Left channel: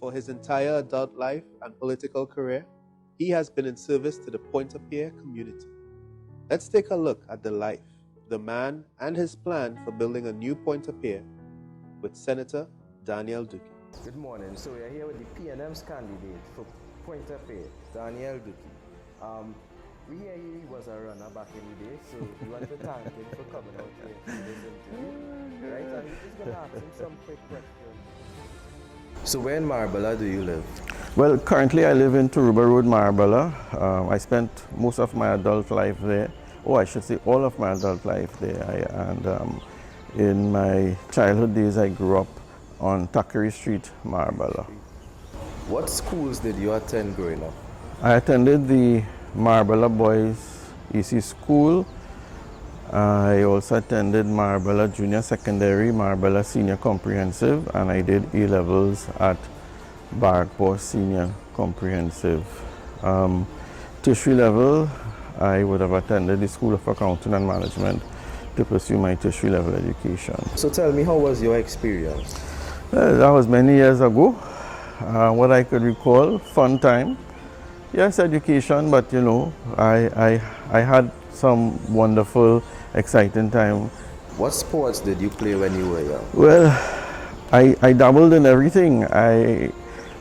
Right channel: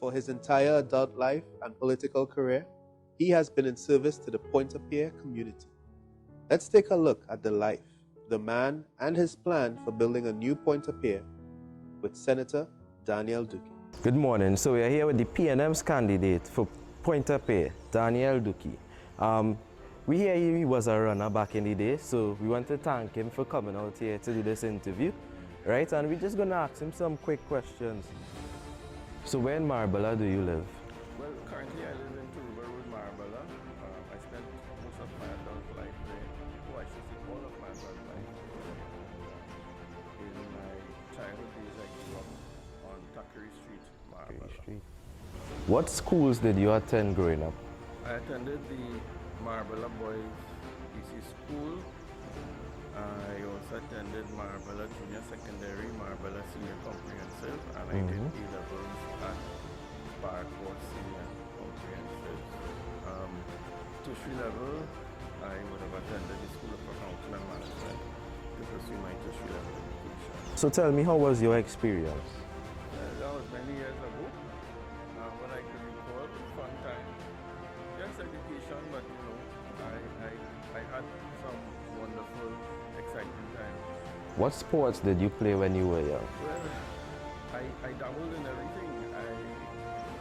For his entire adult life and political career, he has been in service to the Pointe-a-Pierre community. Let's take a look at the life, the man, and his plan for building a new Pointe-a-Pierre with Senator Daniel Dookie. Good morning. So we are here with the PNM's candidate for Pointe-a-Pierre, Daniel Dookie. We hear he was a runner back in the day, so we want to thank him for coming out here to do this interview, right? And we're just going to ask him some quick questions. So where in Marbella do you live? Well, currently I live in Turuba Road, Marbella. I spent most of my adult life there. Oh, I should say all of my adult life there. In my childhood days, I grew up on Thackeray Street, Marbella. What schools did you attend growing up? I attended the Marbella Boys EC School. I also attended Marbella Junior Secondary, Marbella Senior Comprehensive, and I did A-levels at Barrackport Senior Comprehensive. Tertiary level, I would have attended the School of Accounting and Management to pursue my tertiary level education. So tell me, how was your experience? Well, that was many years ago. What I could recall, fun time. Yes, education, but you know, I had some wonderful, exciting time. What sports did you play when you were young? Well, I dabbled in everything. I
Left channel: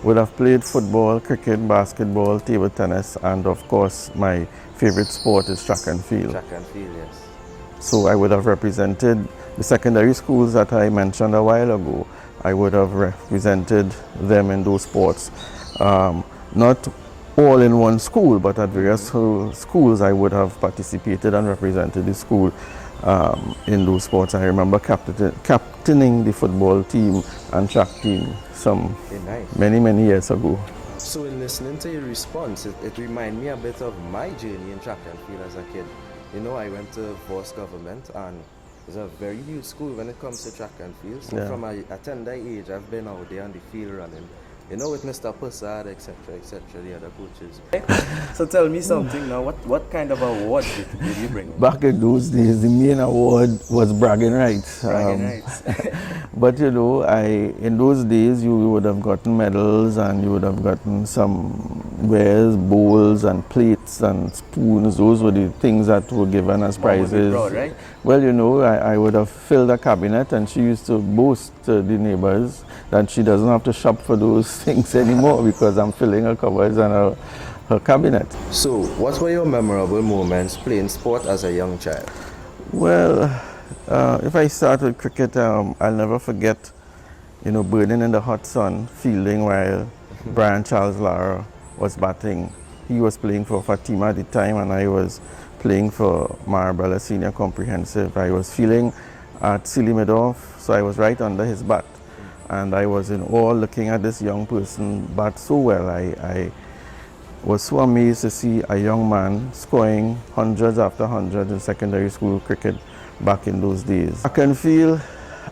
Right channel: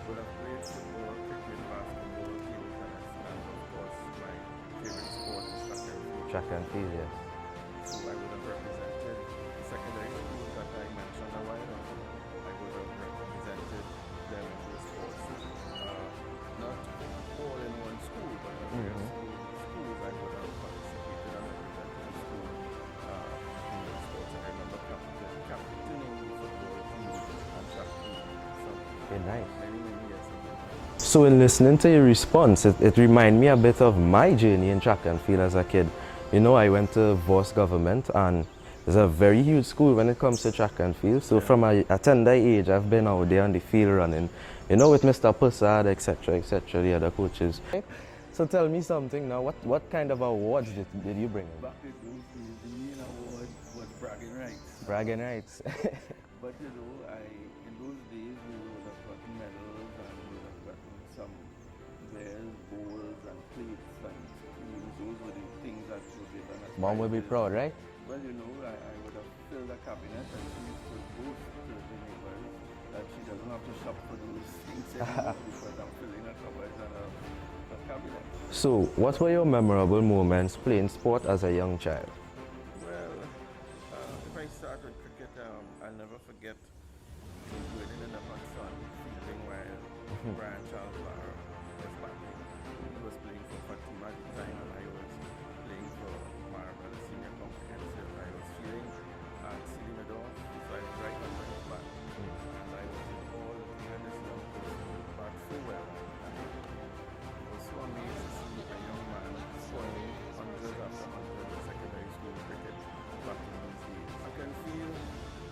would have played football, cricket, basketball, table tennis, and of course, my favorite sport is track and field. Track and field, yes. So I would have represented the secondary schools that I mentioned a while ago. I would have represented them in those sports. Not all in one school, but at various schools I would have participated and represented the school in those sports. I remember captaining the football team and track team many years ago. So in listening to your response, it reminded me a bit of my journey in track and field as a kid. You know, I went to Voss Government, and it's a very huge school when it comes to track and field. So from a tender age, I've been out there on the field running, you know, with Mr. Pussard, etc., the other coaches. So tell me something now, what kind of award did you bring? Back in those days, the main award was bragging rights. Bragging rights. But you know, in those days, you would have gotten medals and you would have gotten some wares, bowls and plates and spoons. Those were the things that were given as prizes. Mom would be proud, right? Well, you know, I would have filled a cabinet, and she used to boast to the neighbors that she doesn't have to shop for those things anymore because I'm filling her cupboards and her cabinet. So, what were your memorable moments playing sport as a young child? Well, if I start with cricket, I'll never forget, you know, burning in the hot sun, fielding while Brian Charles Lara was batting. He was playing for Fatima at the time, and I was playing for Marbella Senior Comprehensive. I was fielding at Silly Meadow, so I was right under his bat. And I was in awe looking at this young person bat so well. I was so amazed to see a young man scoring hundreds after hundreds in secondary school cricket back in those days. Track and field,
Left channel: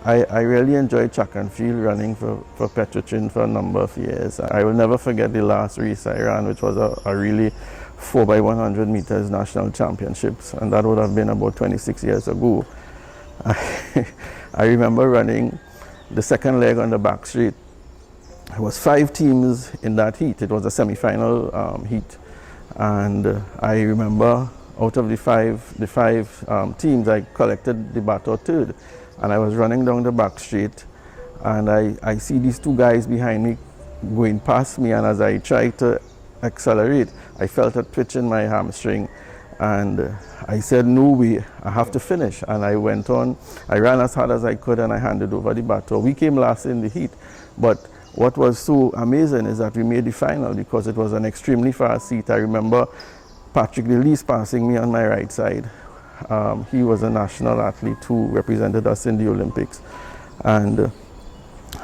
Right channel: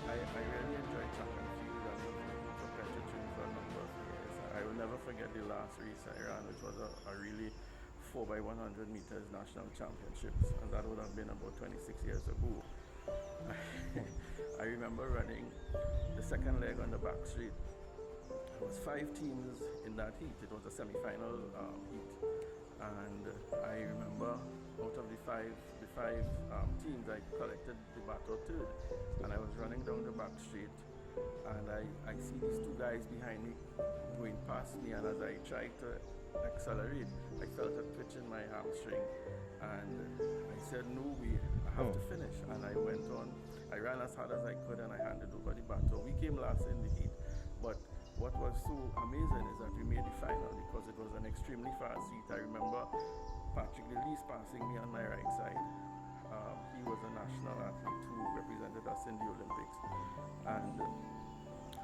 I really enjoyed track and field, running for Petrochin for a number of years. I will never forget the last race I ran, which was a really 4x100 meters national championships, and that would have been about 26 years ago. I remember running the second leg on the back straight. There was 5 teams in that heat. It was a semi-final heat, and I remember out of the five teams, I collected the battle third, and I was running down the back straight, and I see these 2 guys behind me going past me, and as I tried to accelerate, I felt a twitch in my hamstring, and I said, no way, I have to finish. And I went on, I ran as hard as I could, and I handed over the baton. We came last in the heat, but what was so amazing is that we made the final because it was an extremely fast heat. I remember Patrick DeLeese passing me on my right side. He was a national athlete who represented us in the Olympics. And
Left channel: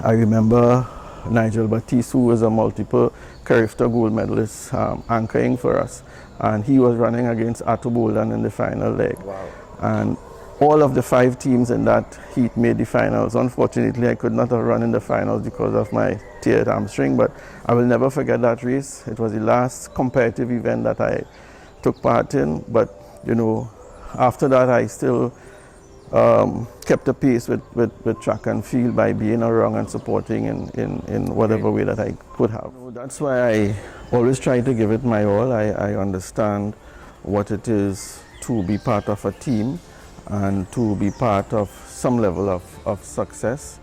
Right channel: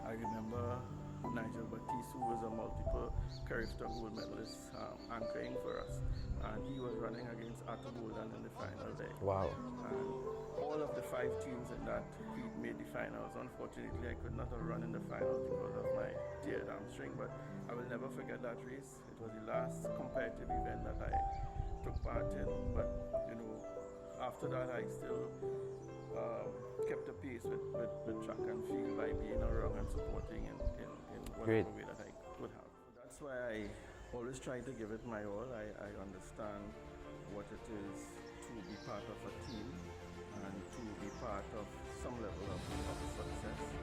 I remember Nigel Batiste, who was a multiple Carifta gold medalist, anchoring for us. And he was running against Atto Bolden in the final leg. Wow. And all of the 5 teams in that heat made the finals. Unfortunately, I could not have run in the finals because of my teared hamstring, but I will never forget that race. It was the last competitive event that I took part in, but you know, after that I still kept the pace with track and field by being around and supporting in whatever way that I could have. That's why I always try to give it my all. I understand what it is to be part of a team and to be part of some level of success.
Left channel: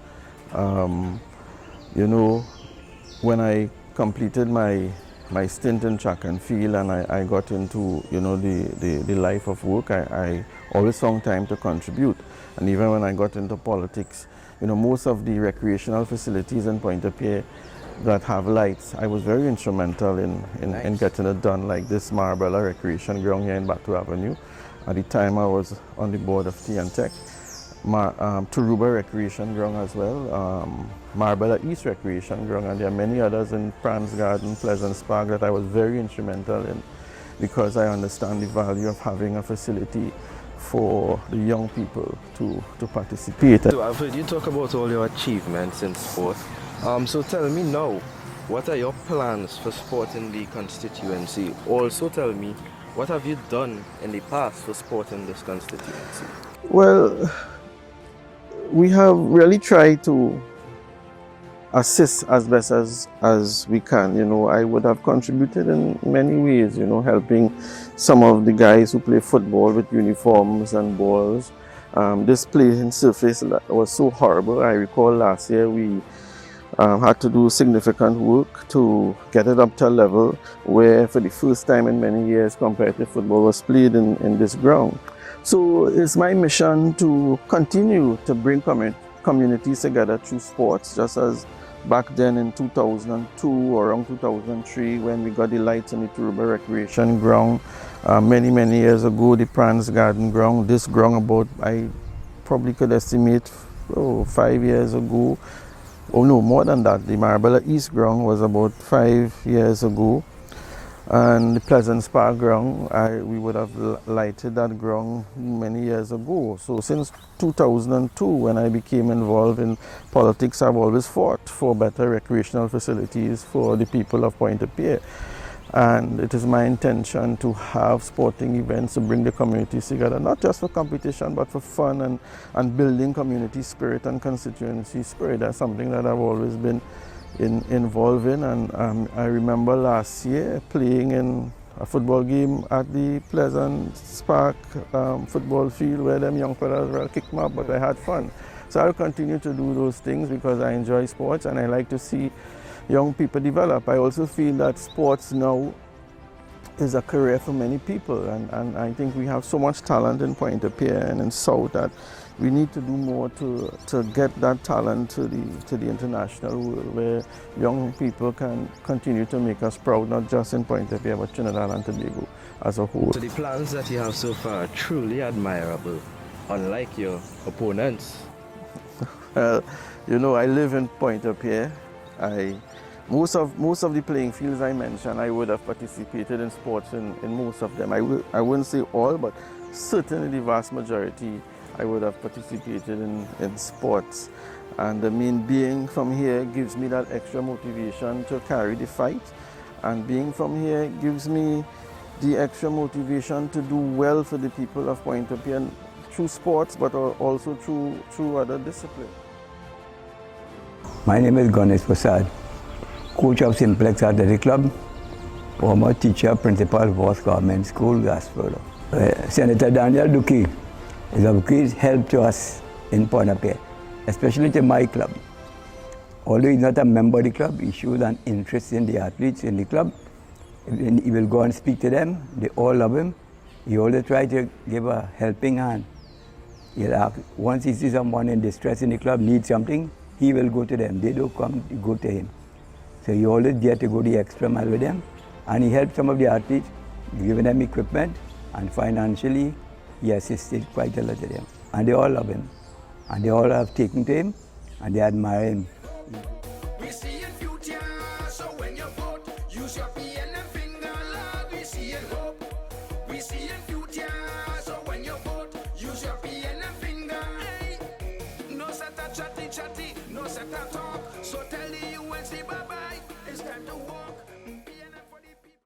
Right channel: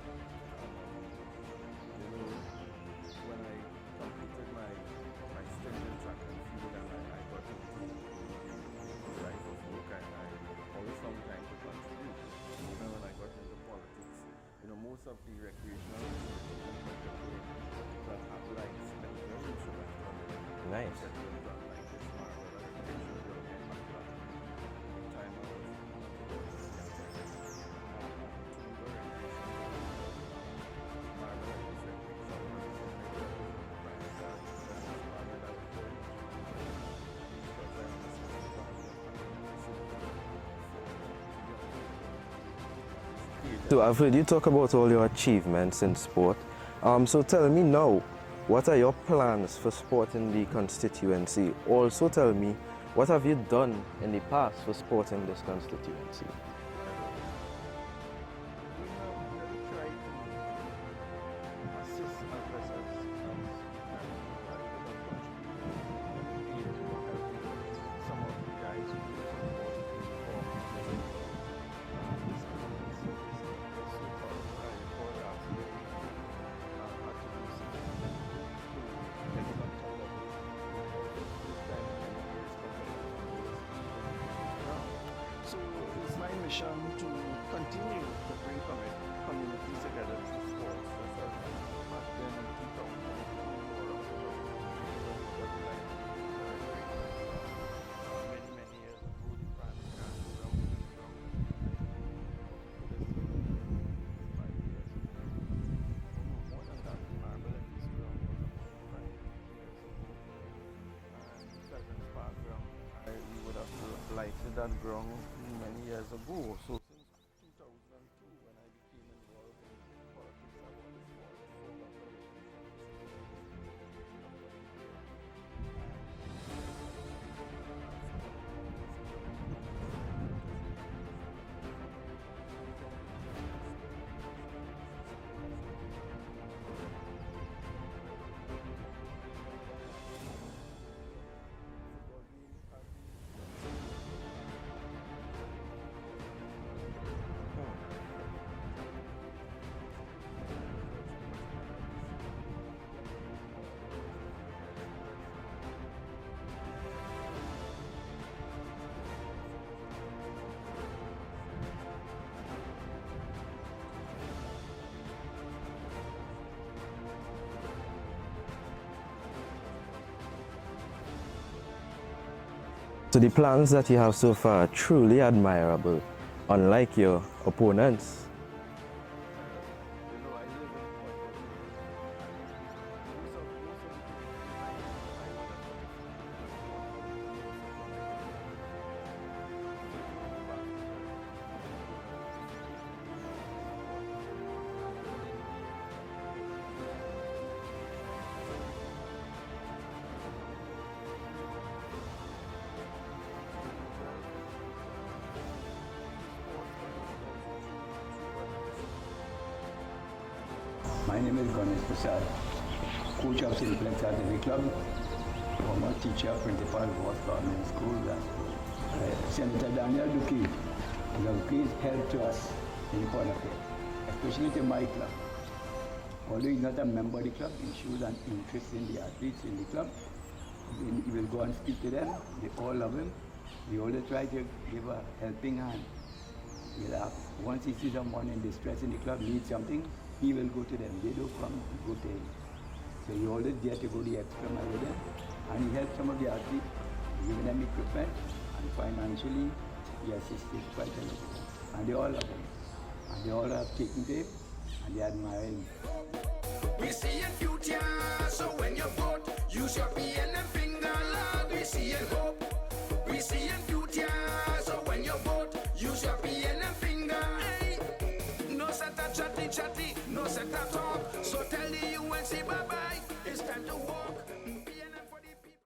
You know, when I completed my stint in track and field and I got into, you know, the life of work, I always found time to contribute. And even when I got into politics, you know, most of the recreational facilities in Pointe-a-Pierre that have lights, I was very instrumental in getting it done, like this Marbella Recreation Ground here in Batu Avenue. At the time I was on the board of T&Tech. Turuba Recreation Ground as well, Marbella East Recreation Ground, and there are many others in Franz Garden, Pleasant Park that I was very instrumental in, because I understand the value of having a facility for the young people to participate. So I've heard you talk about all your achievements in sport. So tell me now, what are your plans for sport in the constituency? Also tell me, what have you done in the past for sport in this constituency? Well, we have really tried to assist as best as we can. You know, I would have contributed in many ways, you know, helping some of the guys who play football with uniforms and balls. This playing surface was so horrible. I recall last year we had to do significant work to get it up to a level where for the first time in many years competitive football was played in this ground. So it's my mission to continue to bring communities together through sports, just as back then in 2002 or around 2003 when we got the lights on the Turuba Recreation Ground. Many years ago, the Franz Garden Ground, this ground about, I probably could estimate 5 years ago. Oh no, more than that. The Marbella East Ground was about 5 years ago. And the Pleasant Park ground, we would have lighted that ground many years ago. So since 2002, when I became involved in politics, I've always fought for better recreational facilities for the people of Pointe-a-Pierre. And it is my intention to have sporting events to bring the communities together, not just for competition, but for fun and building community spirit and constituency spirit. That's something that I've always been involved in, and I remember last year playing in a football game at the Pleasant Park football field where them young fellas kicked me up, but I had fun. So I'll continue to do those things because I enjoy sports and I like to see young people develop. I also feel that sports now is a career for many people, and I think we have so much talent in Pointe-a-Pierre and in South that we need to do more to get that talent to the international world, where young people can continue to make us proud, not just in Pointe-a-Pierre, but Trinidad and Tobago as a whole. So the plans that you have so far are truly admirable, unlike your opponents. Well, you know, I live in Pointe-a-Pierre. Most of the playing fields I mentioned, I would have participated in sports in most of them. I wouldn't say all, but certainly the vast majority I would have participated in sports. And the main being from here gives me that extra motivation to carry the fight. And being from here gives me the extra motivation to do well for the people of Pointe-a-Pierre through sports, but also through other disciplines. My name is Ganesh Prasad, coach of Simplex Athletic Club, former teacher, principal of Voss Government School, Gasford. Senator Daniel Dookie is of great help to us in Pointe-a-Pierre, especially to my club. Although he's not a member of the club, he shows an interest in the athletes in the club. He will go and speak to them. They all love him. He always tries to give a helping hand. Once he sees someone in distress in the club, needs something, he will go to them. They don't come, go to him. So he always get to go the extra mile with them. And he helped some of the athletes, giving them equipment, and financially, he assisted quite a lot of them. And they all love him. And they all have taken to him, and they admire him. We see in future, so when you vote, use your PNM finger, Lord, we see in hope. We see in future, so when you vote, use your PNM finger. Hey, no set a chatty, no set a talk, so tell the UNC bye-bye, it's time to walk.